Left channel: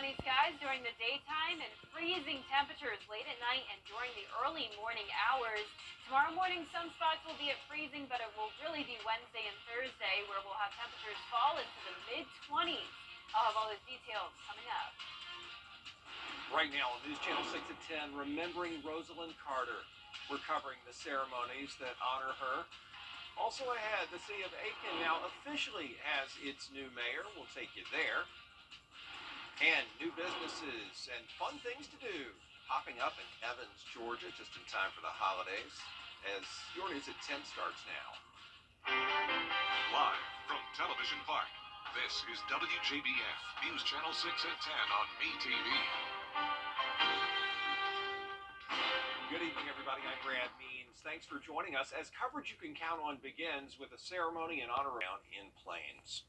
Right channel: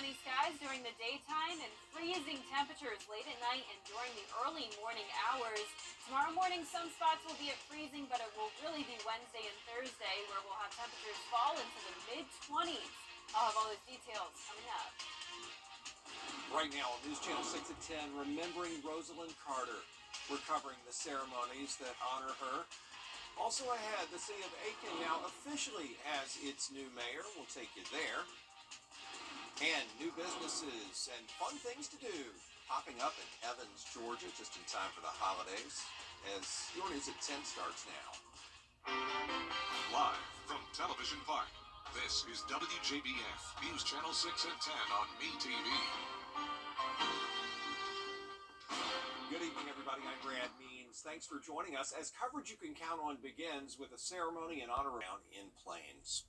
sunny skies during the daytime and freezing temperatures late at night and during the early morning hours. Tomorrow morning, some spots will be at freezing, but it will really be Wednesday and Thursday where we'll have temperatures fall into the mid-20s. I'll have all those details coming up. Right now on News Channel 6 at 10, remembering Rosalind Carter. We're covering the ceremonies that honor her. Also ahead, the city of Aiken now officially has its new mayor. We'll take you there. And new businesses and fun things to do popping up in Evans, Georgia, just in time for the holidays, as your News at 10 starts now. Live from Television Park, this is WJBF News Channel 6 at 10 on MeTV. Good evening, everybody. I'm Brad Means. Thanks for joining us as coverage you can count on begins with a ceremony and honor round in Plains.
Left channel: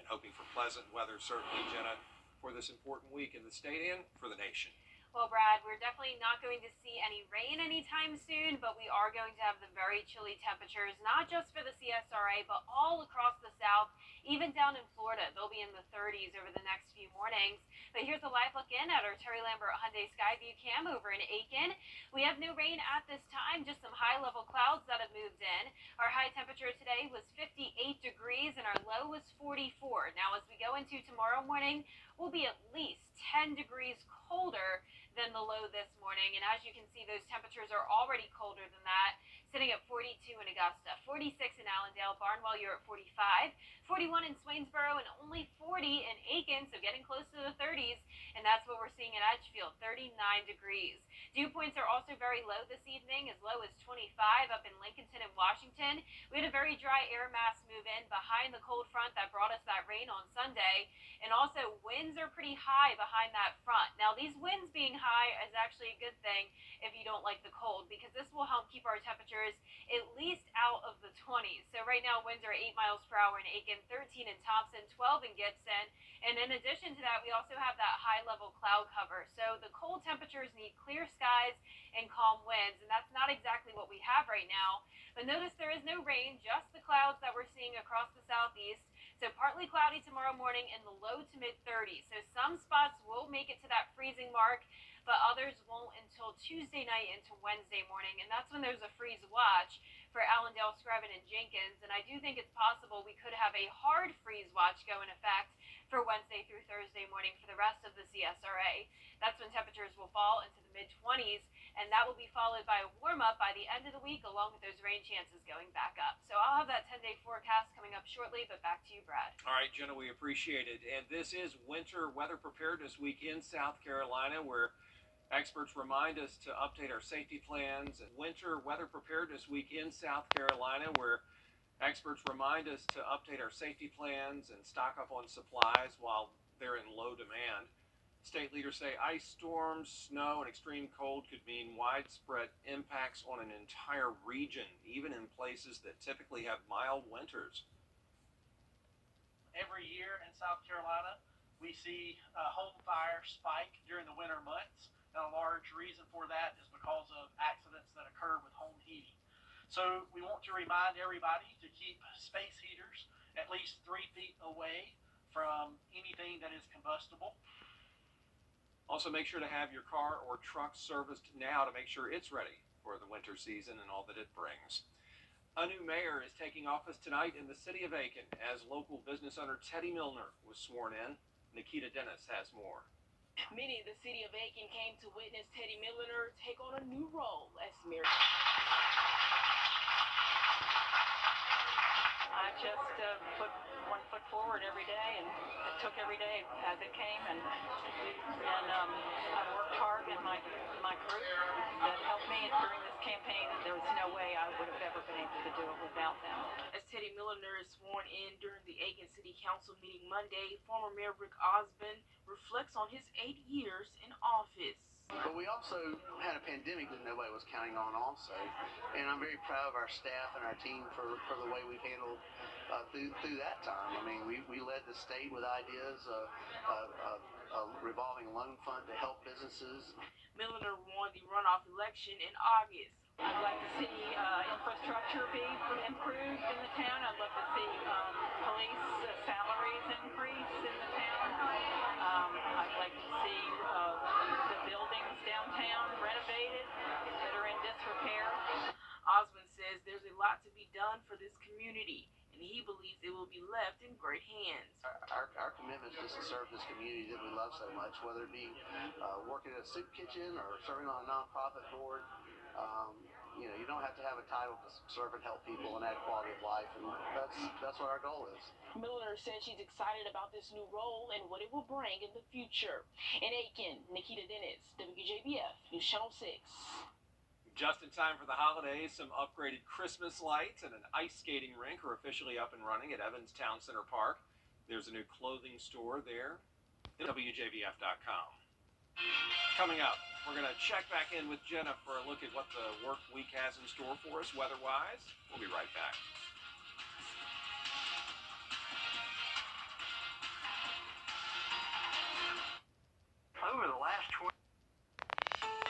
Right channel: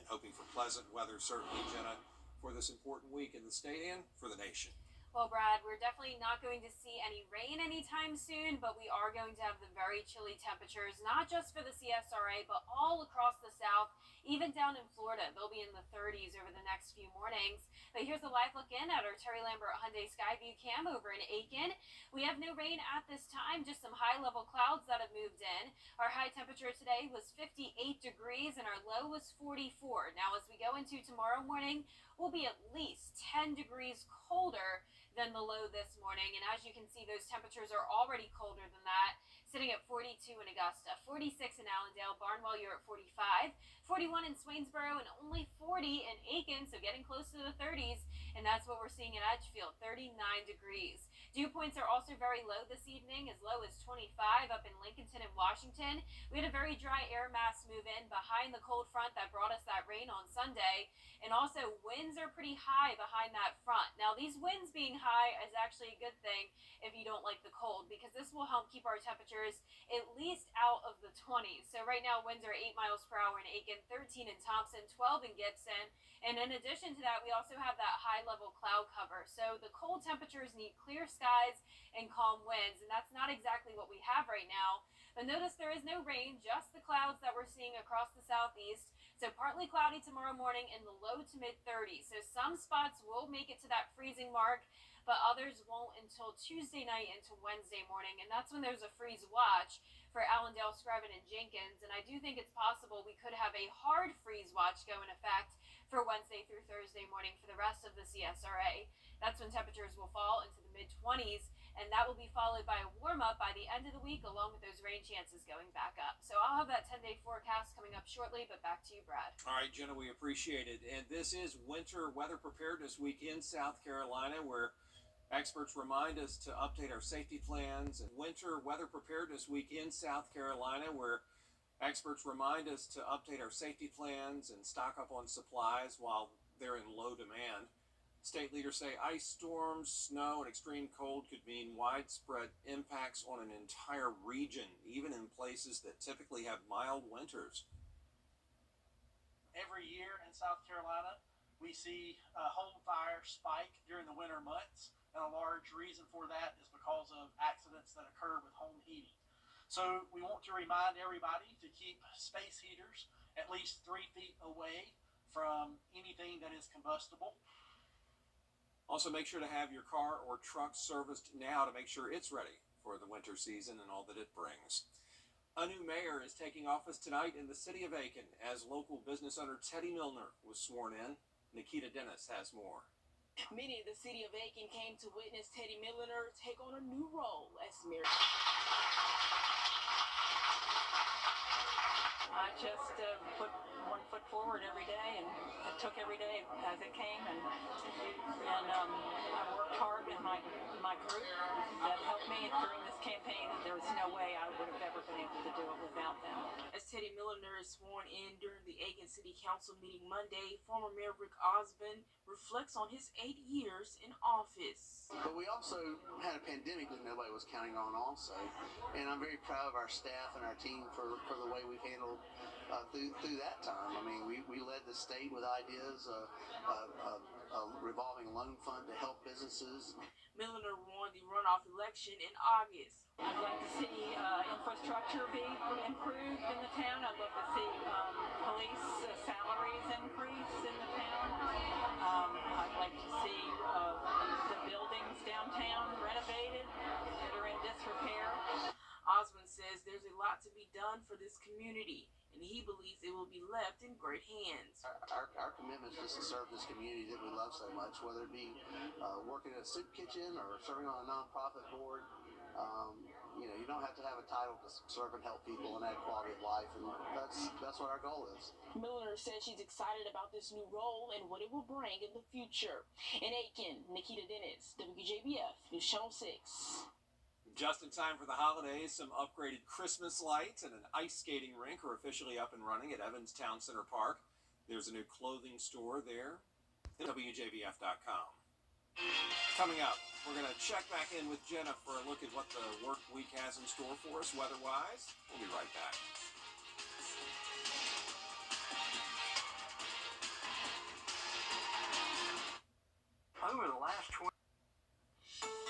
And hoping for pleasant weather, certainly, Jenna, for this important week in the state and for the nation. Well, Brad, we're definitely not going to see any rain anytime soon, but we are going to have the very chilly temperatures, not just for the CSRA, but all across the South, even down in Florida. They'll be in the 30s over the next few mornings. But here's a live look in at our Terry Lambert Hyundai Skyview cam over in Aiken. We have no rain at this time, just some high-level clouds that have moved in. Our high temperature today was 58 degrees and our low was 44. Now, as we go into tomorrow morning, we'll be at least 10 degrees colder than the low this morning. And as you can see, those temperatures are already colder than that, sitting at 42 in Augusta, 46 in Allendale, Barnwell, you're at 45, 41 in Swainsboro, and only 40 in Aiken, so getting close to the 30s. And that's what we're seeing in Edgefield, 39 degrees. Dew points are also very low this evening, as low as 25 up in Lincolnton and Washington. We had a very dry air mass move in behind the cold front that brought us that rain on Sunday. And also, winds are pretty high behind that front. Now, these winds being high is actually a good thing if you don't like the cold, because this will help keep our temperatures at least out of the 20s. So right now, winds are 8 miles per hour in Aiken, 13 in Thompson, 12 in Gibson. And in addition to that, we also have that high-level cloud cover. So the cold temperatures need clear skies and calm winds, and that's not exactly what we have right now. But notice there is no rain, just the clouds that we're seeing across the southeast. So partly cloudy tomorrow morning in the low to mid-30s. So some spots will make it to that freezing mark, but others won't until Tuesday night into Wednesday morning. And that's when there's a freeze watch for Allendale, Screven, and Jenkins. And I do think it's possible we could have a hard freeze watch go in effect for Wednesday through Thursday morning for the rest of the CSRA. That's when temperatures will fall into the mid-20s, and that will be followed by a warm-up by the end of the week, along with those rain chances going back up. So I'll have that 10-day forecast coming up shortly, but back to you, Brad. All right, Jenna, we appreciate it. And this is Winter Weather Preparedness Week in South Carolina, where experts remind us to update our safety plans. And Winter Weather Preparedness Week in South Carolina, where experts remind us to update our safety plans and stock up on supplies while they're in low demand. State leaders say ice storms, snow, and extreme cold could mean widespread impacts on an entire region, even in places that typically have mild winters. Every year in South Carolina, we see home fire spike during the winter months, and a large reason for that is because of accidents that occur with home heating. So we want to remind everybody to keep space heaters at least 3 feet away from anything that is combustible. Also, make sure to have your car or truck serviced now to make sure it's ready for the winter season and all that it brings. A new mayor is taking office tonight in the city of Aiken as local business owner Teddy Milner was sworn in. Nikita Dennis has more. Many in the city of Aiken came to witness Teddy Milner take on a new role as mayor. I just put one foot forward every day, and it took every day as it came, and I worked hard in my group that helped me during this campaign. There was no way I would have ever been able to do it without them. As Teddy Milner is sworn in during the Aiken City Council meeting Monday, former Mayor Rick Osmond reflects on his 8 years in office. But we also had a pandemic that nobody was counting on also, and I'm very proud of our staff and our team for the way we've handled through that time. I mean, we led the state with ideas, a revolving loan fund to help businesses. Milner won the runoff election in August. I'd like to see infrastructure be improved in the town. I'd love to see police salaries increase in the town. I'd like to to be done for this community, and he believes it will be left in great hands. Our commitment is just to serve this community that we love so much, whether it be working at a soup kitchen or serving on a nonprofit board. You don't have to have a title to serve and help people and add quality of life, and that's what our goal is. Milner says she's excited about this new role and what it will bring in the future. In Aiken, Nikita Dennis, WJBF, News Channel 6. Just in time for the holidays, some upgraded Christmas lights and an ice skating rink are officially up and running at Evans Town Center Park. There's a new clothing store there. WJBF.com. Coming up, we're going to check back in with Jenna for a look at what the work week has in store for us weather-wise. We'll be right back. Over the last 20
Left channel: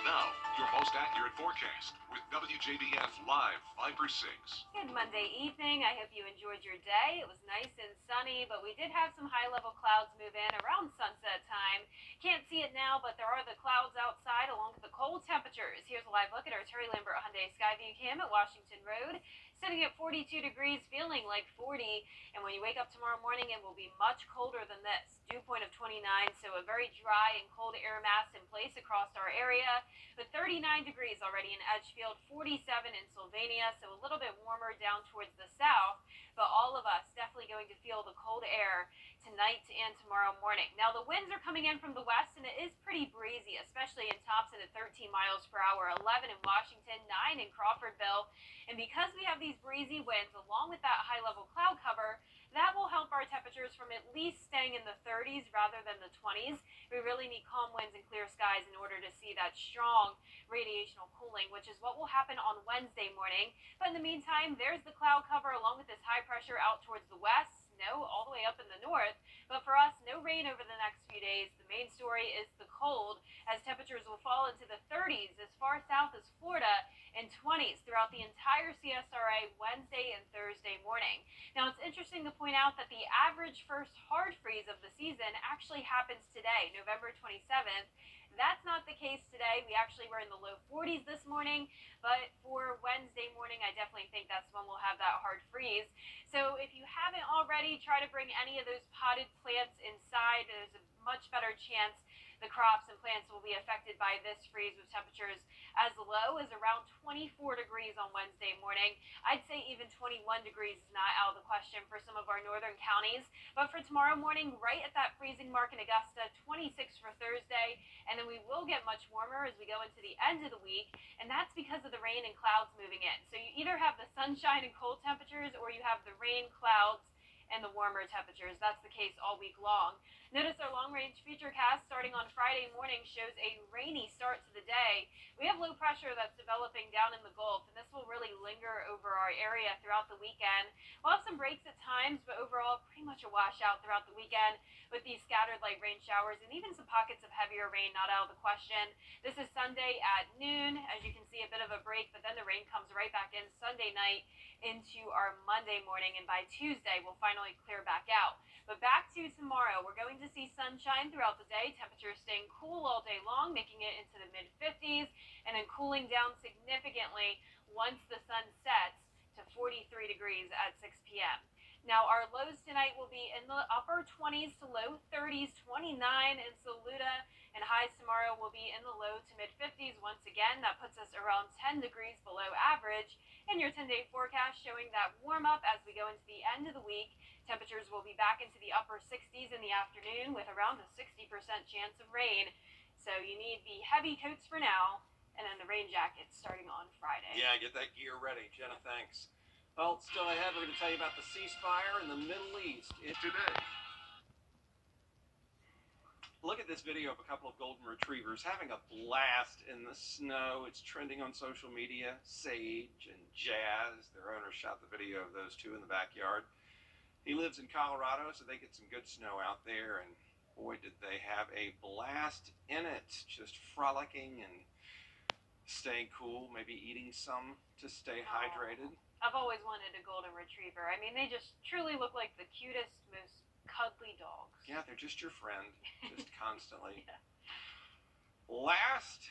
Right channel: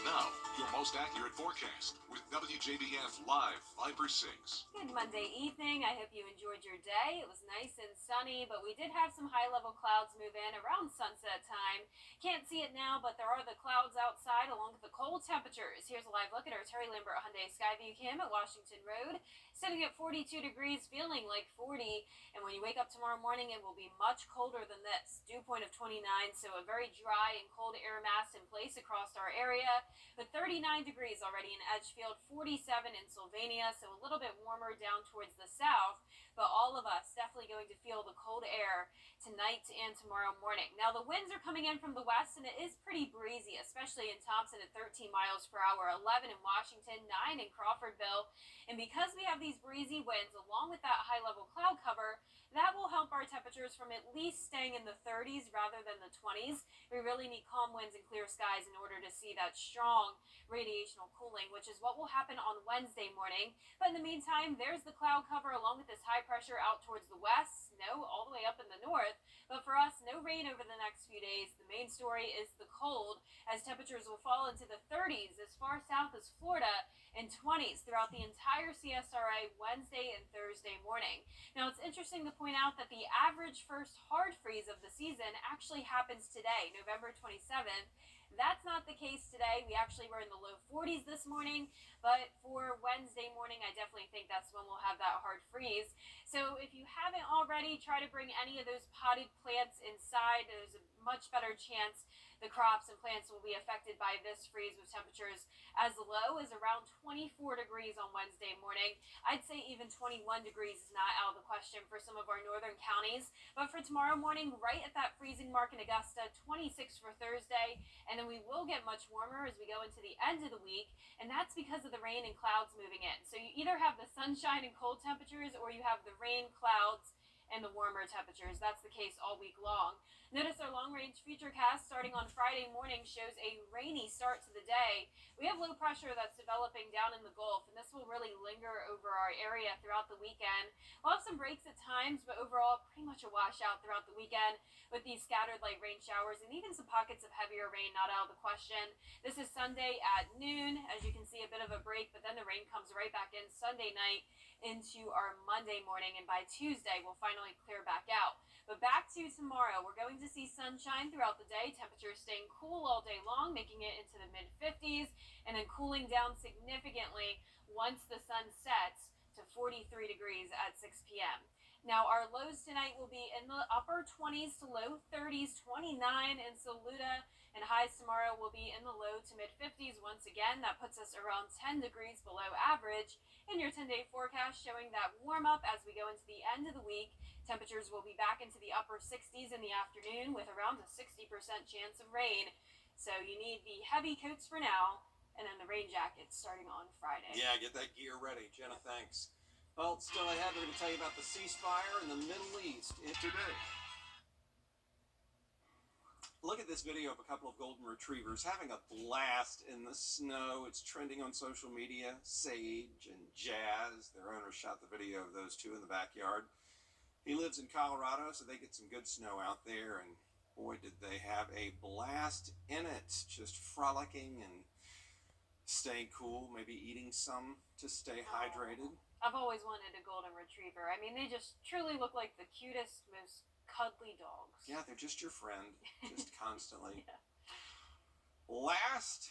Now, your most accurate forecast with WJBF Live Fiber 6. Good Monday evening. I hope you enjoyed your day. It was nice and sunny, but we did have some high-level clouds move in around sunset time. Can't see it now, but there are the clouds outside along with the cold temperatures. Here's a live look at our Terry Lambert Hyundai Skyview Cam at Washington Road. Sitting at 42 degrees, feeling like 40. And when you wake up tomorrow morning, it will be much colder than this. Dew point of 29, so a very dry and cold air mass in place across our area. With 39 degrees already in Edgefield, 47 in Sylvania, so a little bit warmer down towards the south. But all of us definitely going to feel the cold air tonight and tomorrow morning. Now, the winds are coming in from the west, and it is pretty breezy, especially in Thompson at 13 miles per hour, 11 in Washington, 9 in Crawfordville. And because we have these breezy winds along with that high-level cloud cover, that will help our temperatures from at least staying in the 30s rather than the 20s. We really need calm winds and clear skies in order to see that strong radiational cooling, which is what will happen on Wednesday morning. But in the meantime, there's the cloud cover along with this high pressure out towards the west, snow all the way up in the north. But for us, no rain over the next few days. The main story is the cold, as temperatures will fall into the 30s as far south as Florida and 20s throughout the entire CSRA Wednesday and Thursday morning. Now, it's interesting to point out that the average first hard freeze of the season actually happens today, November 27th. That's not the case today. We actually were in the low 40s this morning, but for Wednesday morning, I definitely think that's when we'll have that hard freeze. So if you haven't already, try to bring any of those potted plants inside. There's a much better chance the crops and plants will be affected by this freeze, with temperatures as low as around 24 degrees on Wednesday morning. I'd say even 21 degrees is not out of the question for some of our northern counties. But for tomorrow morning, right at that freezing mark in Augusta, 26 for Thursday. And then we will get much warmer as we go into the end of the week. And that's because of the rain and clouds moving in. So you either have the sunshine and cold temperatures, or you have the rain, clouds, and the warmer temperatures. That's the case all week long. Notice our long-range futurecast starting on Friday morning shows a rainy start to the day. We have low pressure that's developing down in the Gulf, and this will really linger over our area throughout the weekend. We'll have some breaks at times, but overall pretty much a washout throughout the weekend with these scattered light rain showers and even some pockets of heavier rain not out of the question. This is Sunday at noon. As you can see, a bit of a break, but then the rain comes right back in Sunday night into our Monday morning, and by Tuesday we'll finally clear back out. But back to tomorrow, we're going to see sunshine throughout the day, temperatures staying cool all day long, making it into the mid-50s, and then cooling down significantly once the sun sets to 43 degrees at 6 p.m. Now, our lows tonight will be in the upper 20s to low 30s, 29 in Saluda, and highs tomorrow will be in the low to mid-50s. Once again, that puts us around 10 degrees below average. And your 10-day forecast showing that warm up as we go into the end of the week. Temperatures will be back into the upper 60s in the afternoon with around a 60% chance of rain. So you need the heavy coats for now, and then the rain jackets starting on Friday. Yeah, get that gear ready. Jenna, thanks. Well, still ahead, we're going to tell you about the ceasefire in the Middle East today. Look at this video of a couple of golden retrievers having a blast in the snow. It's trending on social media. Sage and Jazz, their owner, shot the video of those two in the backyard. He lives in Colorado, so they get some good snow out there, and boy, did they have a blast in it. Just frolicking and staying cool, maybe eating some to stay hydrated. I've always wanted a golden retriever. I mean, they just truly look like the cutest, most cuddly dogs. Yeah, they're just your friend, just constantly. Yeah. Last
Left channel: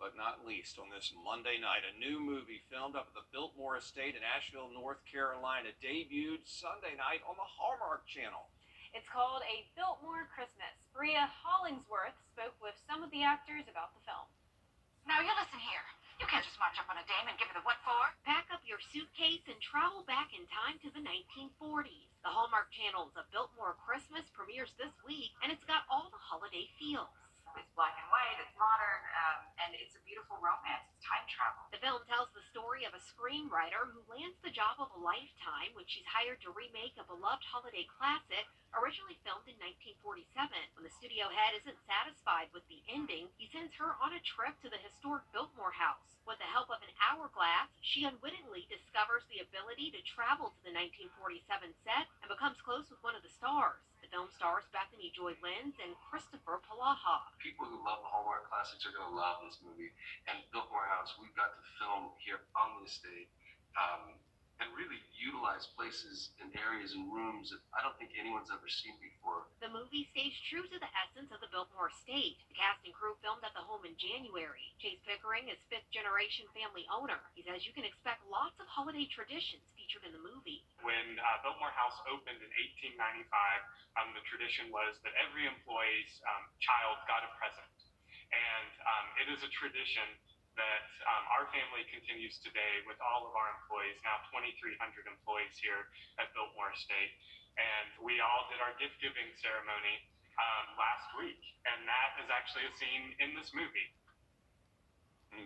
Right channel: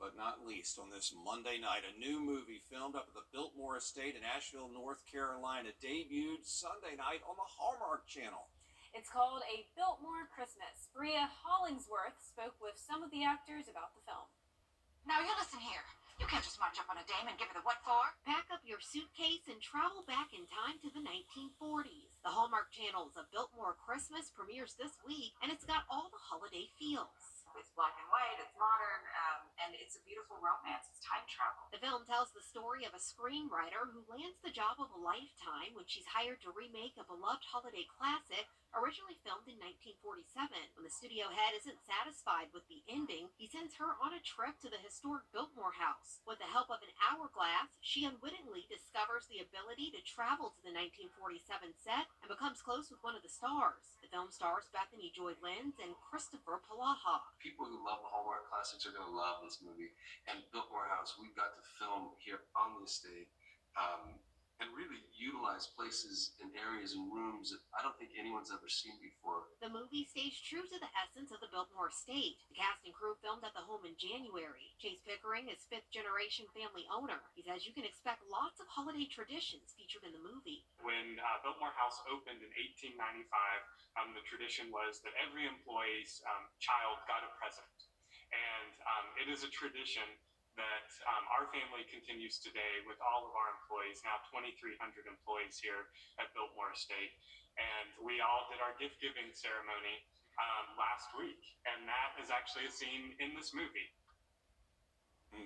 but not least, on this Monday night, a new movie filmed up at the Biltmore Estate in Asheville, North Carolina, debuted Sunday night on the Hallmark Channel. It's called A Biltmore Christmas. Bria Hollingsworth spoke with some of the actors about the film. Now you listen here. You can't just march up on a dame and give her the what for. Pack up your suitcase and travel back in time to the 1940s. The Hallmark Channel's A Biltmore Christmas premieres this week, and it's got all the holiday feels. It's black and white, it's modern, and it's a beautiful romance. It's time travel. The film tells the story of a screenwriter who lands the job of a lifetime when she's hired to remake a beloved holiday classic originally filmed in 1947. When the studio head isn't satisfied with the ending, he sends her on a trip to the historic Biltmore house. With the help of an hourglass, she unwittingly discovers the ability to travel to the 1947 set and becomes close with one of the stars. The film stars Bethany Joy Lenz and Christopher Palaha. People who love the Hallmark classics are going to love this movie. And Biltmore House, we've got to film here on the estate and really utilize places and areas and rooms that I don't think anyone's ever seen before. The movie stays true to the essence of the Biltmore estate. The cast and crew filmed at the home in January. Chase Pickering is fifth-generation family owner. He says you can expect lots of holiday traditions featured in the movie. When Biltmore House opened in 1895, the tradition was that every employee's child got a present. And it is a tradition that our family continues today with all of our employees, now 2,300 employees here at Biltmore Estate. And we all did our gift giving ceremony last week, and that is actually a scene in this movie.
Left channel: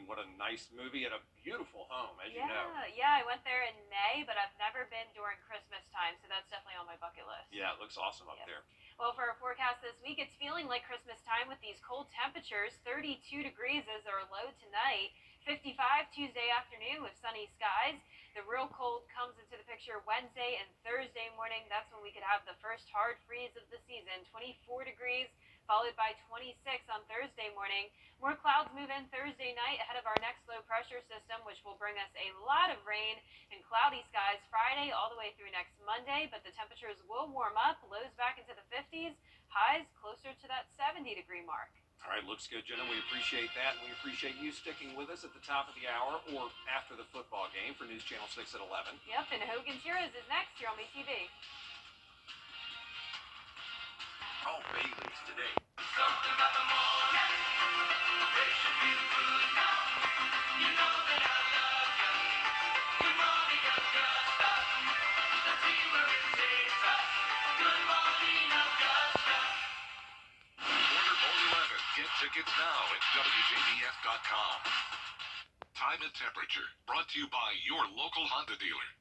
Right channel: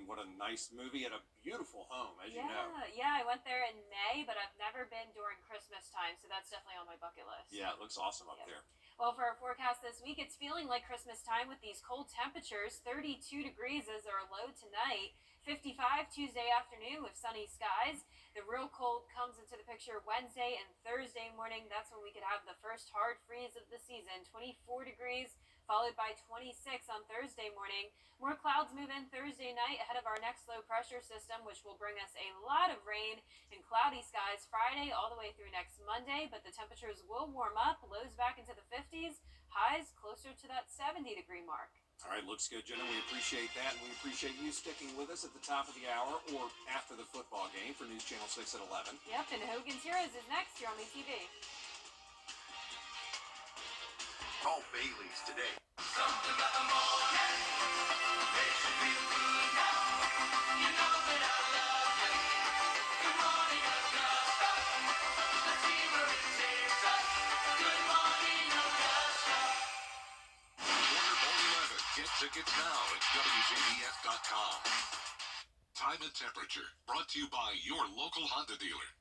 What a nice movie at a beautiful home, as you know. Yeah, I went there in May, but I've never been during Christmas time, so that's definitely on my bucket list. Yeah, it looks awesome up there. Well, for our forecast this week, it's feeling like Christmas time with these cold temperatures. 32 degrees is our low tonight. 55 Tuesday afternoon with sunny skies. The real cold comes into the picture Wednesday and Thursday morning. That's when we could have the first hard freeze of the season. 24 degrees, followed by 26 on Thursday morning. More clouds move in Thursday night ahead of our next low pressure system, which will bring us a lot of rain and cloudy skies Friday all the way through next Monday. But the temperatures will warm up, lows back into the 50s, highs closer to that 70-degree mark. All right, looks good, Jenna. We appreciate that, and we appreciate you sticking with us at the top of the hour or after the football game for News Channel 6 at 11. Yep, and Hogan's Heroes is next here on MeTV. Call Bailey's today. Something about the morning. They should feel good now. You know that I love you. Good morning, Augusta. Let's see where it takes us. Good morning, Augusta. Order Bowl 11. Get tickets now at WJBF.com. Time and temperature brought to you by your local Honda dealer.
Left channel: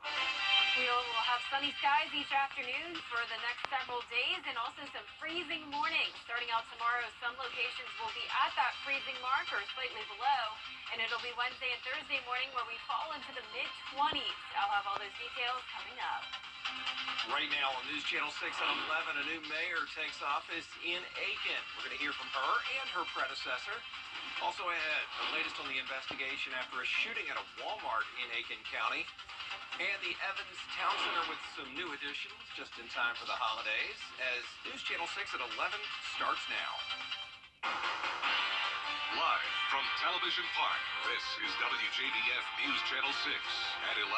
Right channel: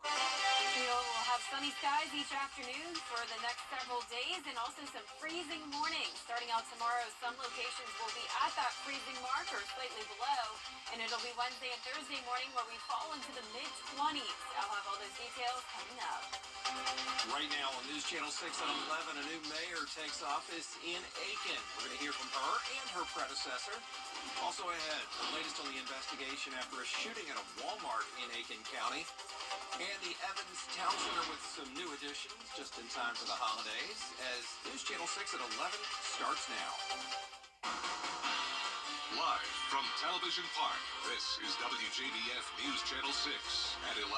We will have sunny skies each afternoon for the next several days and also some freezing mornings. Starting out tomorrow, some locations will be at that freezing mark or slightly below, and it'll be Wednesday and Thursday morning where we fall into the mid-20s. I'll have all those details coming up. Right now on News Channel 6 at 11, a new mayor takes office in Aiken. We're going to hear from her and her predecessor. Also ahead, the latest on the investigation after a shooting at a Walmart in Aiken County. And the Evans Town Center with some new additions just in time for the holidays as News Channel 6 at 11 starts now. Live from Television Park, this is WJBF News Channel 6 at 11.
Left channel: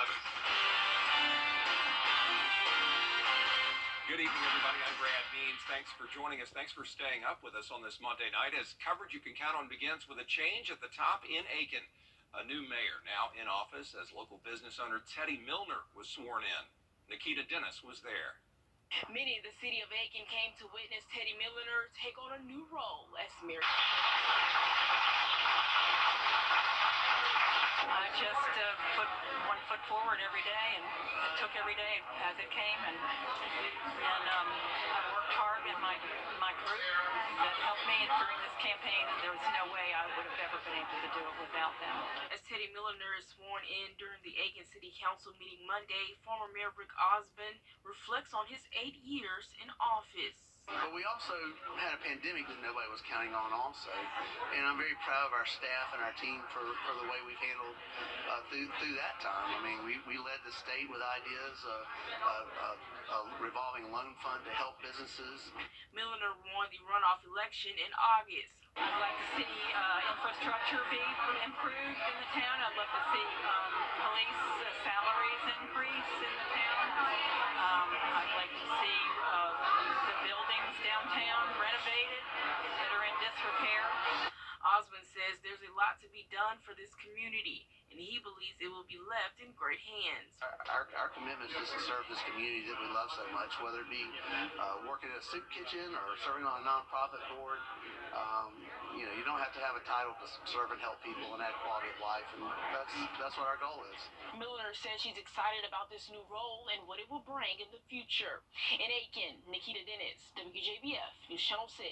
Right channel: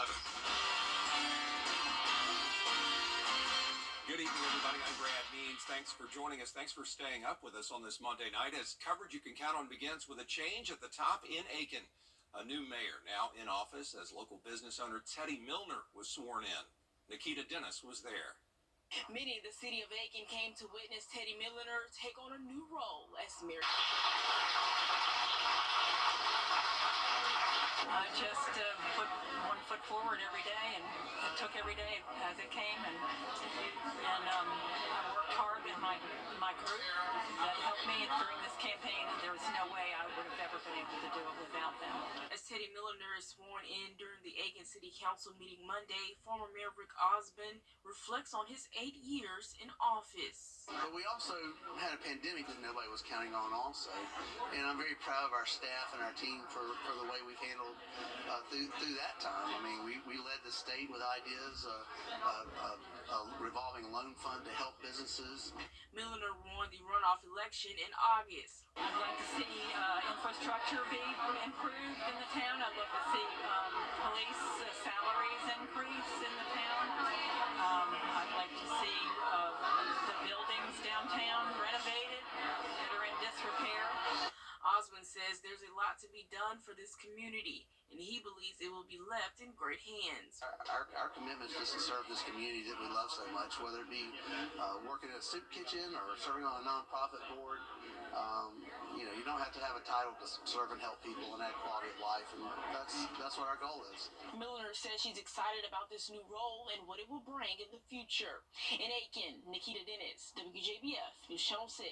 Good evening, everybody. I'm Brad Means. Thanks for joining us. Thanks for staying up with us on this Monday night as coverage you can count on begins with a change at the top in Aiken. A new mayor now in office as local business owner Teddy Milner was sworn in. Nikita Dennis was there. Many of the city of Aiken came to witness Teddy Milner take on a new role as mayor. I just put one foot forward every day and took every day as it came, and I worked hard with my group that helped me during this campaign, and there was no way I would have ever been able to do it without them. As Teddy Milner is sworn in during the Aiken City Council meeting Monday, former Mayor Rick Osmond reflects on his 8 years in office. But we also had a pandemic that nobody was counting on also. And I'm very proud of our staff and our team for the way we've handled through that time. I mean, we led the state with ideas, a revolving loan fund to help businesses. Milliner won the runoff election in August. I'd like to see infrastructure be improved in the town. I'd love to see police salaries increase in the town. I'd like to see the buildings downtown renovated that are in disrepair. Osmond says there's a lot to be done for this community, and he believes it will be left in great hands. Our commitment is just to serve this community that we love so much, whether it be working in a soup kitchen or serving on a nonprofit board. You don't have to have a title to serve and help people and add quality of life, and that's what our goal is. Milliner says she's excited about this new role and what it will bring in the future. In Aiken, Nikita Dennis, WJBF News Channel 6.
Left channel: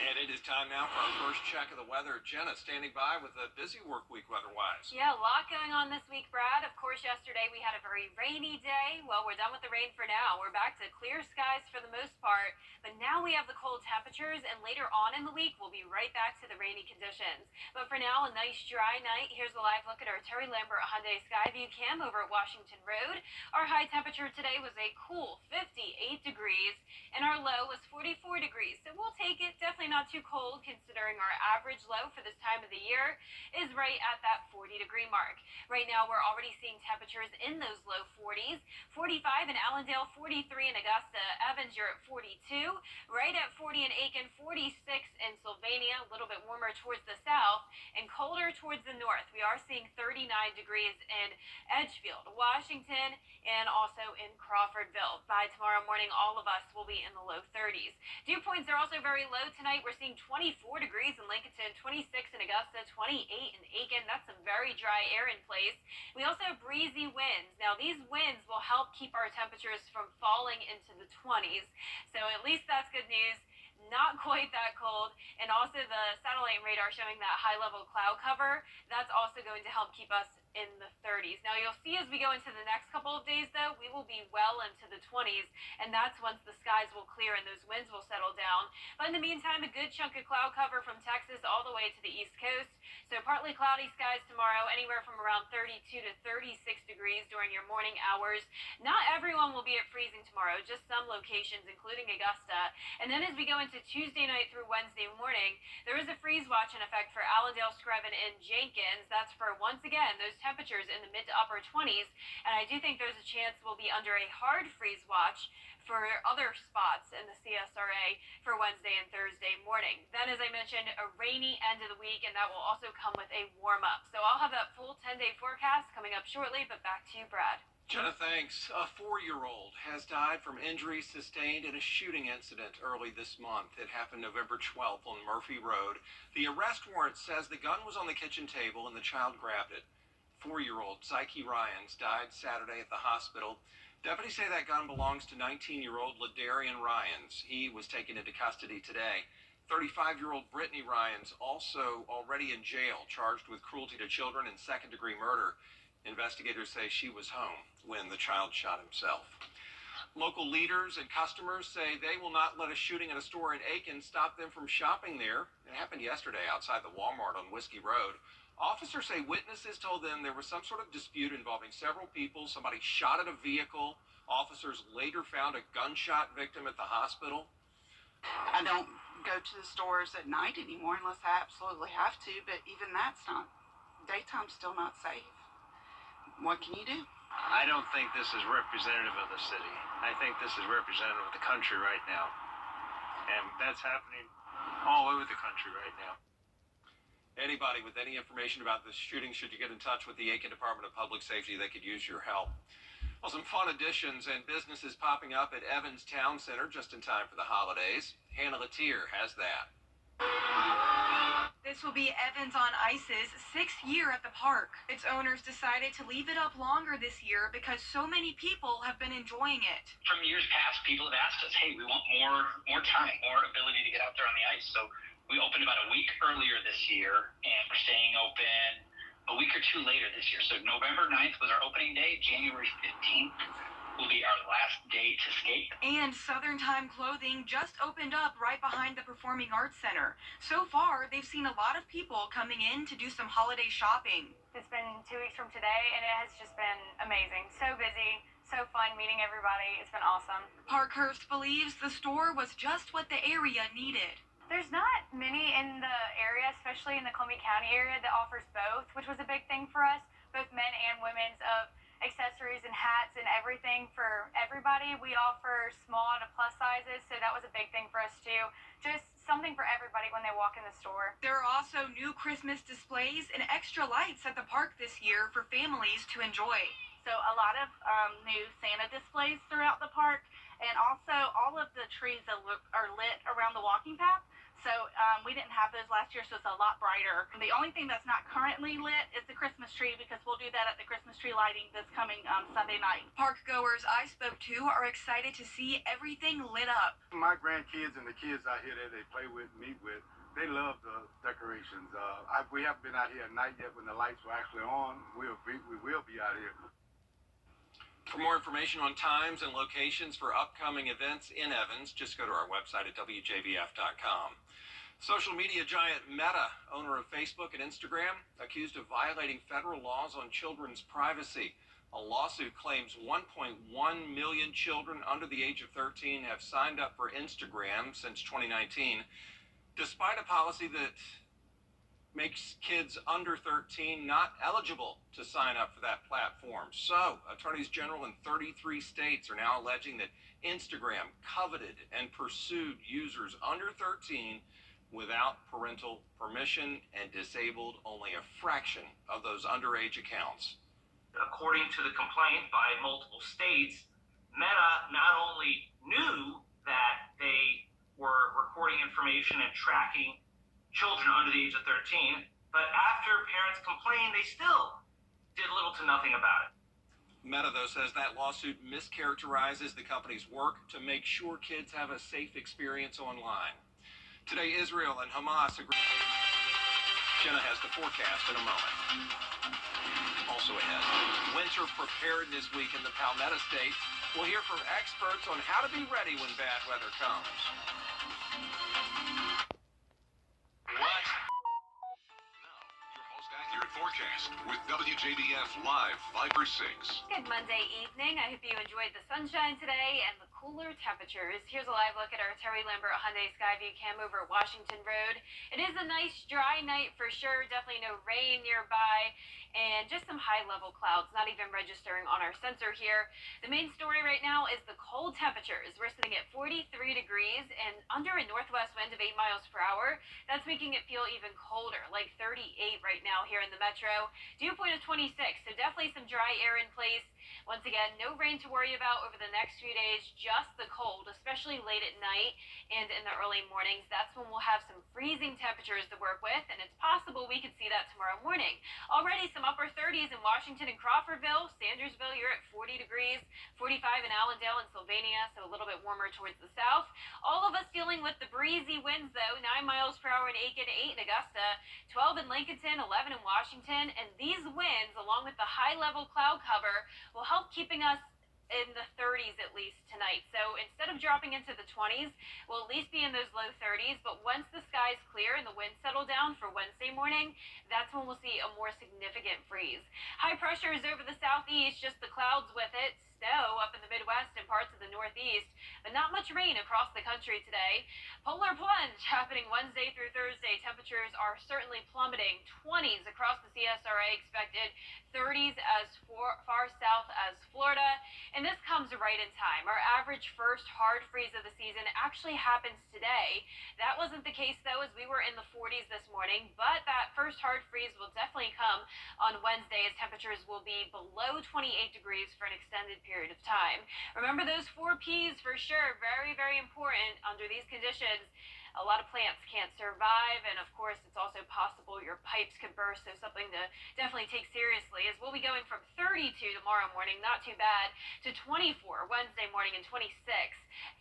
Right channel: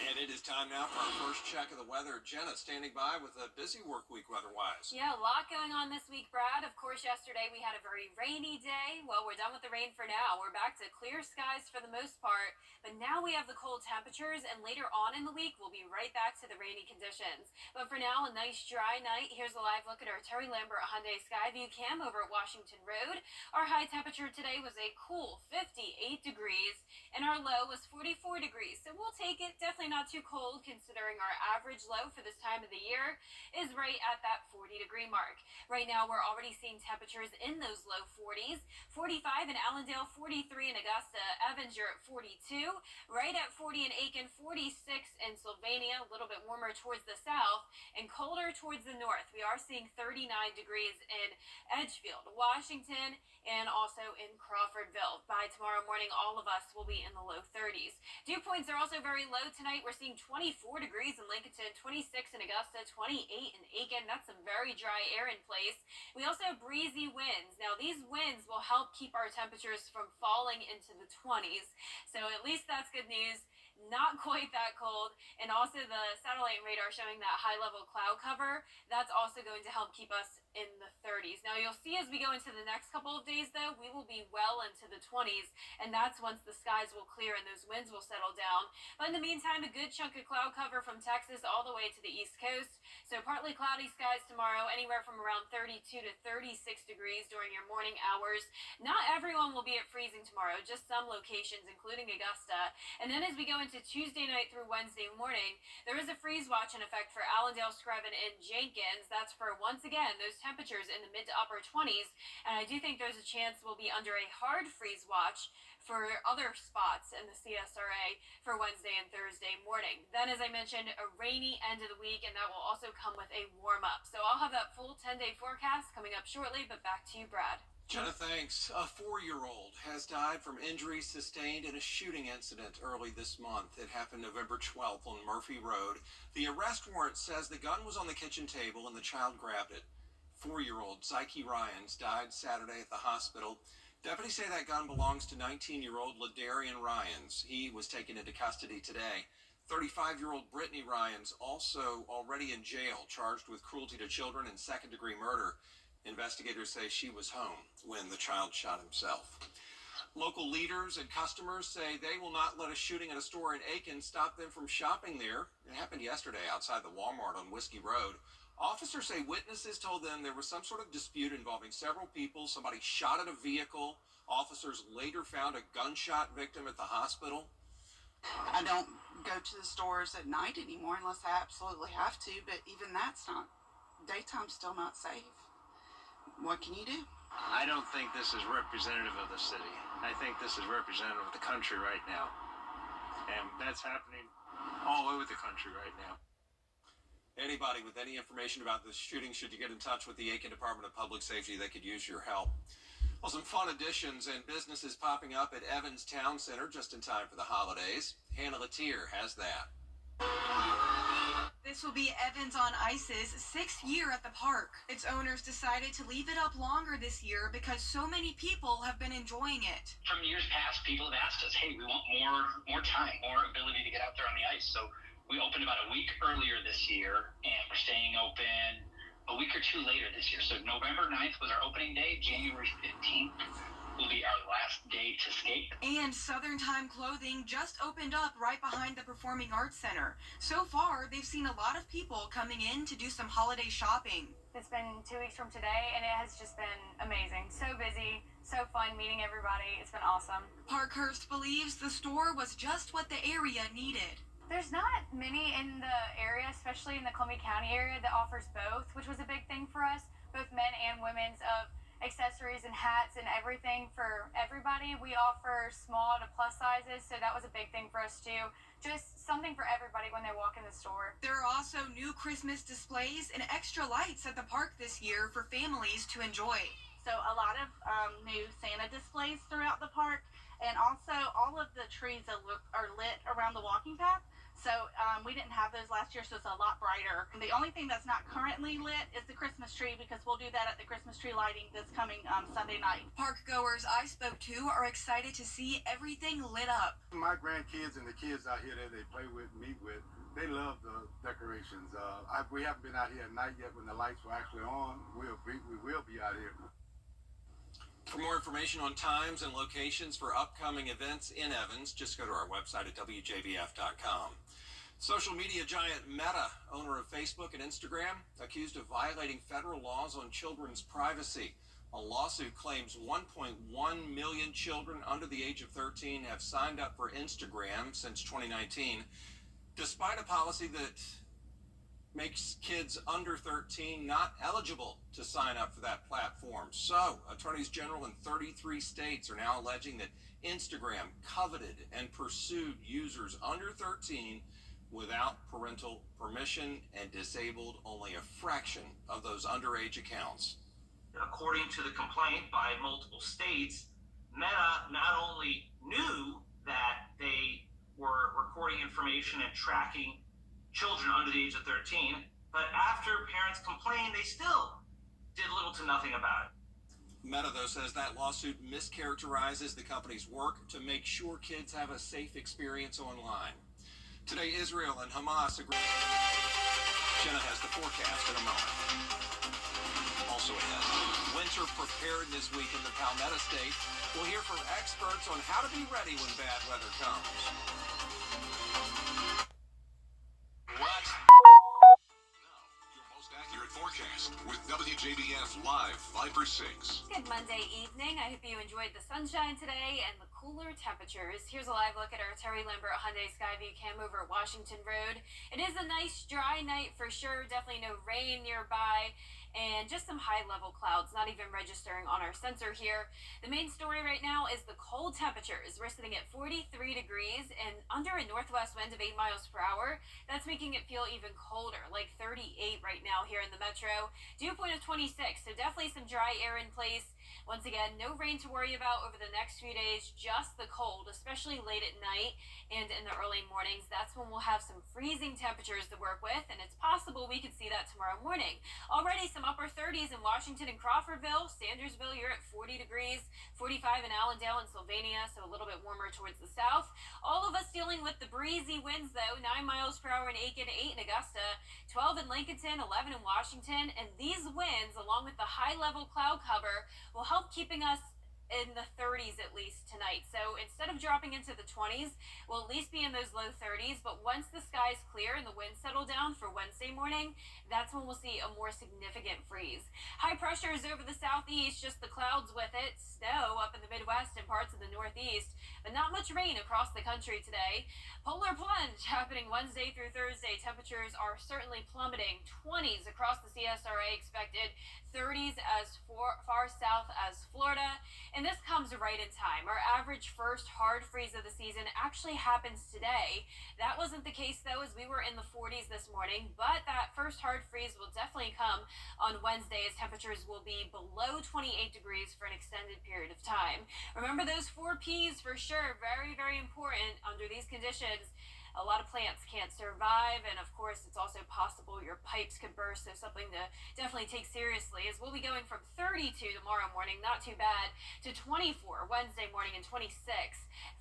And it is time now for our first check of the weather. Jenna standing by with a busy work week weather-wise. Yeah, a lot going on this week, Brad. Of course, yesterday we had a very rainy day. Well, we're done with the rain for now. We're back to clear skies for the most part. But now we have the cold temperatures, and later on in the week, we'll be right back to the rainy conditions. But for now, a nice dry night. Here's a live look at our Terry Lambert Hyundai Skyview cam over at Washington Road. Our high temperature today was a cool 58 degrees, and our low was 44 degrees. So we'll take it. Definitely not too cold, considering our average low for this time of the year is right at that 40-degree mark. Right now, we're already seeing temperatures in those low 40s. 45 in Allendale, 43 in Augusta. Evans, you're at 42. Right at 40 in Aiken, 46 in Sylvania, a little bit warmer towards the south, and colder towards the north. We are seeing 39 degrees in Edgefield, Washington, and also in Crawfordville. By tomorrow morning, all of us will be in the low 30s. Dew points are also very low tonight. We're seeing 24 degrees in Lincolnton, 26 in Augusta, 28 in Aiken. That's some very dry air in place. We also have breezy winds. Now, these winds will help keep our temperatures from falling into the 20s. So at least that's good news. Not quite that cold. And also the satellite radar showing that high-level cloud cover. That's also going to help keep us in the 30s. Now, you'll see as we go into the next couple of days, though, we will be well into the 20s, and that's once the skies will clear and those winds will settle down. But in the meantime, a good chunk of cloud cover from Texas all the way to the East Coast. So partly cloudy skies tomorrow, anywhere from around 32 to 36 degrees during your morning hours. Not everyone will be at freezing tomorrow, just some locations, including Augusta. And then as we go into Tuesday night through Wednesday morning, there is a freeze watch in effect for Allendale, Screven, and Jenkins. That's for, once again, those temperatures in the mid to upper 20s, and I do think there's a chance we'll be under a hard freeze watch for other spots in the CSRA for Wednesday and Thursday morning. Then, as I mentioned, a rainy end of the week, and that will also come with a warm-up. So I'll have that full 10-day forecast coming up shortly, but back to you, Brad. Jenna, thanks. A 4-year-old has died from injuries sustained in a shooting incident early this month. It happened November 12th on Murphy Road. The arrest warrant says the gun was on the kitchen table and the child grabbed it. 4-year-old Psyche Ryans died Saturday at the hospital. Deputies say that gun belongs to 19-year-old Ladarian Ryans. He was taken into custody today. 35-year-old Brittany Ryans also already in jail, charged with cruelty to children and second-degree murder. Investigators say she was home when the child shot himself. Local leaders and customers say they will not let a shooting at a store in Aiken stop them from shopping there. It happened yesterday outside the Walmart on Whiskey Road. Officers say witnesses told them there was some sort of dispute involving several people. Somebody shot at a vehicle. Officers later found a gunshot victim at the hospital. I don't go to the stores at night anymore unless I absolutely have to, but even that's not, daytime's still not safe. What can you do? I don't think this is representative of the city. I think this is representative of the country right now. And that's happening all over the country right now. Anybody with any information about this shooting, should you get in touch with the Aiken Department of Public Safety, they could use your help. Well, some fun additions and businesses popping up at Evans Town Center just in time for the holidays. Hannah Latier has that. This will be Evans on Ice's 6th year at the park. Its owners decided to leave it up longer this year because so many people have been enjoying it. From years past, people have asked us, hey, we want more time, more ability to get out there on the ice. So we opened about a week earlier this year, and we're staying open a week or two later this year. So November 9th was our opening day. January 15th will be our last day to skate. And Southern Time Clothing just opened up right behind the Performing Arts Center. So far, they've seen a lot of people coming in to do some holiday shopping. It's been 2 weeks from today, and it has just been amazing. So busy, so fun meeting everybody. It's been awesome. Parkhurst believes the store was just what the area needed. There's not many in the area, especially in the Columbia County area, that offers both, which was a big thing for us, both men and women's, of accessories and hats and everything for everybody. We offer small to plus sizes, so that was a big thing for us too. Just something for everybody when they walk in the store. There are also new Christmas displays and extra lights at the park this year for families to enjoy. So a lot of new Santa displays throughout the park, and also all of the trees are lit around the walking path. So we didn't have those last year, so it's a lot brighter. The only thing that's not currently lit is the Christmas tree, because we'll do that at the Christmas tree lighting this coming Sunday night. Park goers I spoke to are excited to see everything lit up. My grandkids and the kids out here that they play with, meet with, they love the decorations. We haven't been out here at night yet when the lights were actually on. We will be out here. For more information on times and locations for upcoming events in Evans, just go to our website at WJBF.com. Social media giant Meta, owner of Facebook and Instagram, accused of violating federal laws on children's privacy. A lawsuit claims 1.1 million children under the age of 13 have signed up for Instagram since 2019, despite a policy that makes kids under 13 not eligible to sign up for that platform. So, attorneys general in 33 states are now alleging that Instagram coveted and pursued users under 13 without parental permission and disabled only a fraction of those underage accounts. According to the complaint by multiple states, Meta not only knew that they were recording information and tracking children under the age of 13, but after parents complained, they still did little to nothing about it. Meta, though, says that lawsuit mischaracterizes the company's work to make sure kids have a safe experience online. Today, Israel and Hamas agree. Jenna has the forecast in a moment. Also ahead, winter preparedness week in the Palmetto State. We'll hear from experts on how to be ready when bad weather comes. What? Your most accurate forecast with WJBF Live Viper 6. Good Monday evening. I hope you enjoyed the sunshine today and the cooler temperatures. Here's a live look at our Terry Lambert Hyundai Skyview cam over at Washington Road. It is a nice dry night for sure. Definitely no rain nearby. And just some high-level clouds, not even registering on our sensor here. The main story right now is the cold temperatures. We're sitting at 43 degrees and under a northwest wind of 8 miles per hour. That's making it feel even colder, like 38 right now here in the metro. Dew point of 26, so definitely some dry air in place. Once again, no rain to worry about over the next few days, just the cold, especially late at night and in the early mornings. That's when we'll have some freezing temperatures to work with, and it's possible we could see that tomorrow morning. Already some upper 30s in Washington and Crawfordville. Sandersville, you're at 40 degrees, 45 in Allendale and Sylvania, so a little bit warmer towards the south. All of us dealing with the breezy winds, though, 9 miles per hour in Aiken, 8 in Augusta, 12 in Lincolnton, 11 in Washington, and these winds, along with the high-level cloud cover, will help keeping us in the 30s at least tonight. So instead of dropping into the 20s, we'll at least be in those low 30s. But once the skies clear and the winds settle down for Wednesday morning, that's when we'll see a more significant freeze. High pressure is over the southeast, just the clouds with it. Snow up in the Midwest and parts of the Northeast, but not much rain across the country today. Polar plunge happening Wednesday through Thursday. Temperatures are certainly plummeting. 20s across the CSRA expected, 30s as far south as Florida. And this comes right in time. Our average first hard freeze of the season actually happens today. That wasn't the case, though, as we were in the 40s this morning, but that first hard freeze will definitely come on Wednesday, as temperatures will be below 28 degrees for an extended period of time. Remember those 4 Ps for sure. Very, very important under these conditions. A lot of plants can't survive, and of course it's also possible your pipes could burst, so something to definitely take seriously. As we'll be going from 32 tomorrow morning, not too bad, to 24 Wednesday morning and 26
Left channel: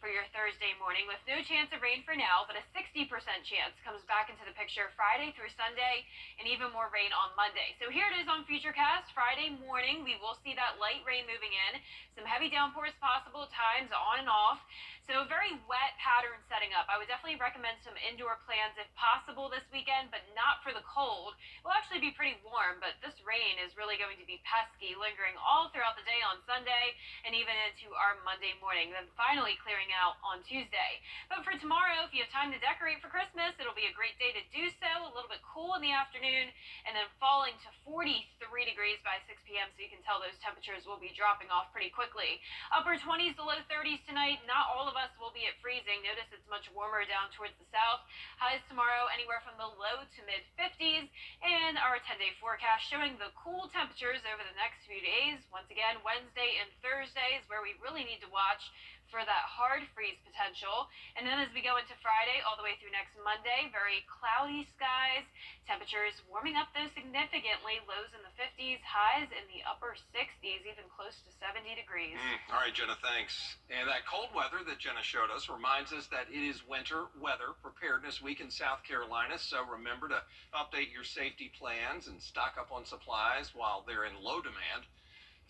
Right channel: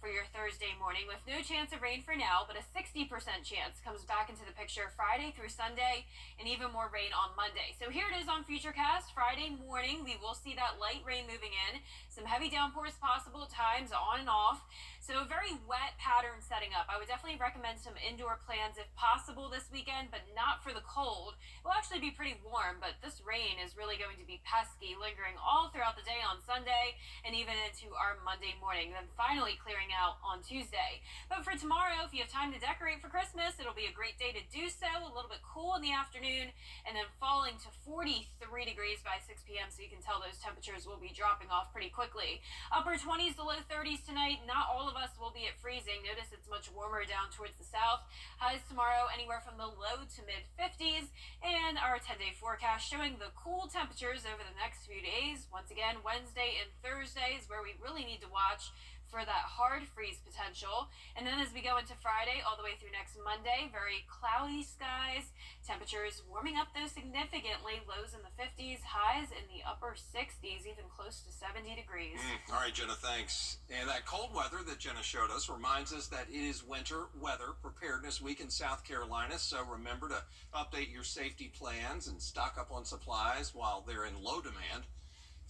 for your Thursday morning, with no chance of rain for now, but a 60% chance comes back into the picture Friday through Sunday, and even more rain on Monday. So here it is on Futurecast. Friday morning we will see that light rain moving in, some heavy downpours possible at times on and off, so a very wet pattern setting up. I would definitely recommend recommend some indoor plans if possible this weekend, but not for the cold. It will actually be pretty warm, but this rain is really going to be pesky, lingering all throughout the day on Sunday and even into our Monday morning, then finally clearing out on Tuesday. But for tomorrow, if you have time to decorate for Christmas, it'll be a great day to do so. A little bit cool in the afternoon and then falling to 43 degrees by 6 p.m. So you can tell those temperatures will be dropping off pretty quickly. Upper 20s to low 30s tonight. Not all of us will be at freezing. Notice it's much warmer down towards the south. Highs tomorrow anywhere from the low to mid 50s. And our 10-day forecast showing the cool temperatures over the next few days. Once again, Wednesday and Thursday is where we really need to watch for that hard freeze potential. And then as we go into Friday all the way through next Monday, very cloudy skies. Temperatures warming up though significantly. Lows in the 50s, highs in the upper 60s, even close to 70 degrees. All right, Jenna, thanks. And that cold weather that Jenna showed us reminds us that it is winter weather preparedness week in South Carolina. So remember to update your safety plans and stock up on supplies while they're in low demand.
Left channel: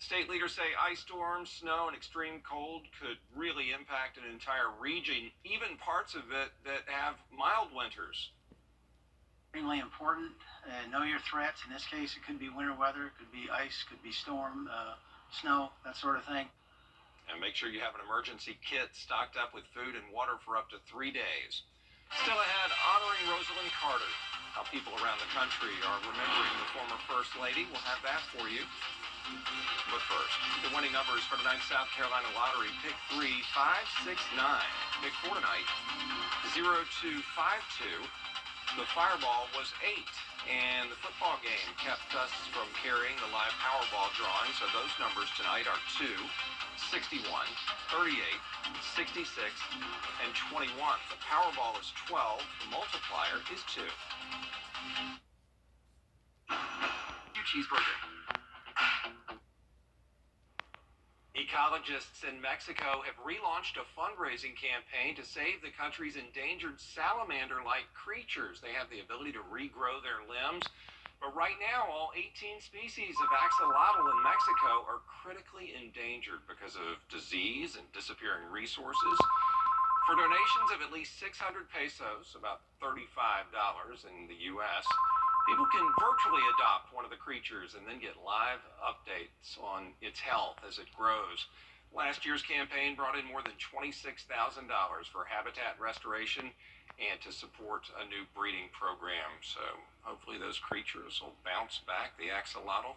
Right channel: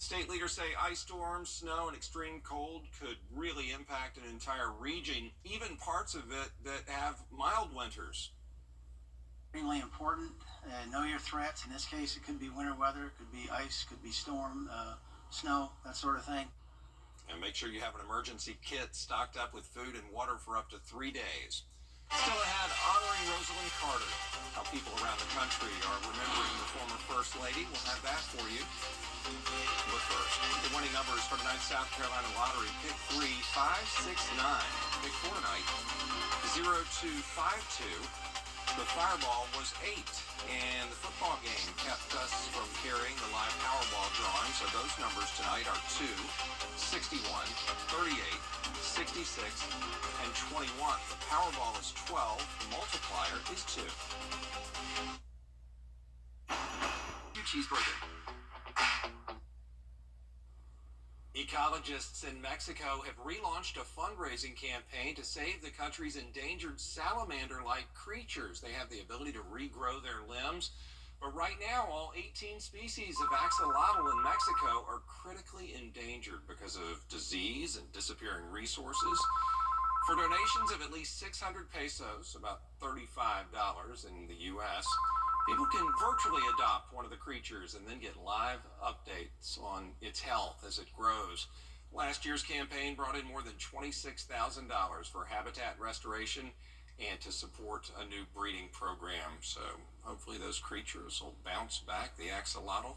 State leaders say ice storms, snow, and extreme cold could really impact an entire region, even parts of it that have mild winters. Extremely important. Know your threats. In this case, it could be winter weather, it could be ice, could be storm, snow, that sort of thing. And make sure you have an emergency kit stocked up with food and water for up to 3 days. Still ahead, honoring Rosalind Carter. How people around the country are remembering the former First Lady. We'll have that for you. But first, the winning numbers for tonight's South Carolina Lottery. Pick 3, 5, 6, 9. Pick 4 tonight, 0, 2, 5, 2. The Fireball was 8. And the football game kept us from carrying the live Powerball drawing. So those numbers tonight are 2, 61, 38, 66, and 21. The Powerball is 12. The multiplier is 2. Your cheeseburger. Ecologists in Mexico have relaunched a fundraising campaign to save the country's endangered salamander-like creatures. They have the ability to regrow their limbs, but right now all 18 species of axolotl in Mexico are critically endangered because of disease and disappearing resources. For donations of at least 600 pesos, about $35 in the U.S., people can virtually adopt one of the creatures and then get live updates on its health as it grows. Last year's campaign brought in more than $26,000 for habitat restoration and to support a new breeding program. So hopefully those creatures will bounce back, the axolotl,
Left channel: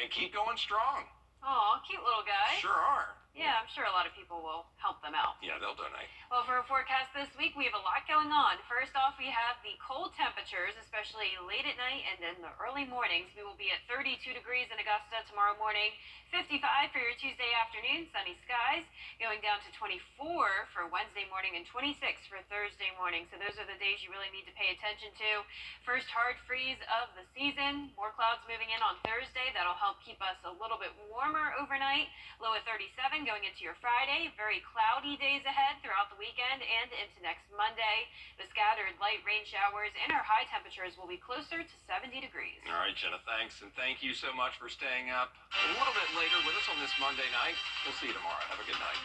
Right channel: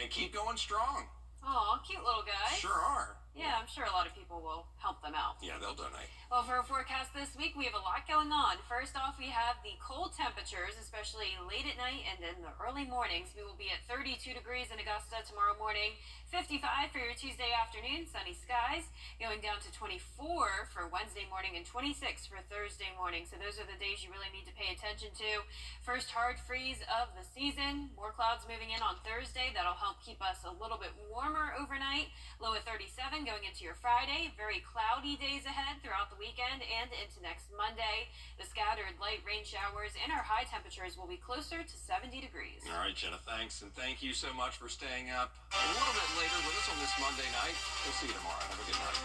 and keep going strong. Aw, cute little guys. Sure are. Yeah, I'm sure a lot of people will help them out. Yeah, they'll donate. Well, for our forecast this week, we have a lot going on. First off, we have the cold temperatures, especially late at night and in the early mornings. We will be at 32 degrees in Augusta tomorrow morning, 55 for your Tuesday afternoon, sunny skies, going down to 24 for Wednesday morning and 26 for Thursday morning. So those are the days you really need to pay attention to. First hard freeze of the season. More clouds moving in on Thursday. That'll help keep us a little bit warmer overnight. Low at 37 going into your Friday. Very cloudy days ahead throughout the weekend and into next Monday. The scattered light rain showers and our high temperatures will be closer to 70 degrees. All right, Jenna, thanks. And thank you so much for staying up a little bit later with us on this Monday night. We'll see you tomorrow. Have a good night.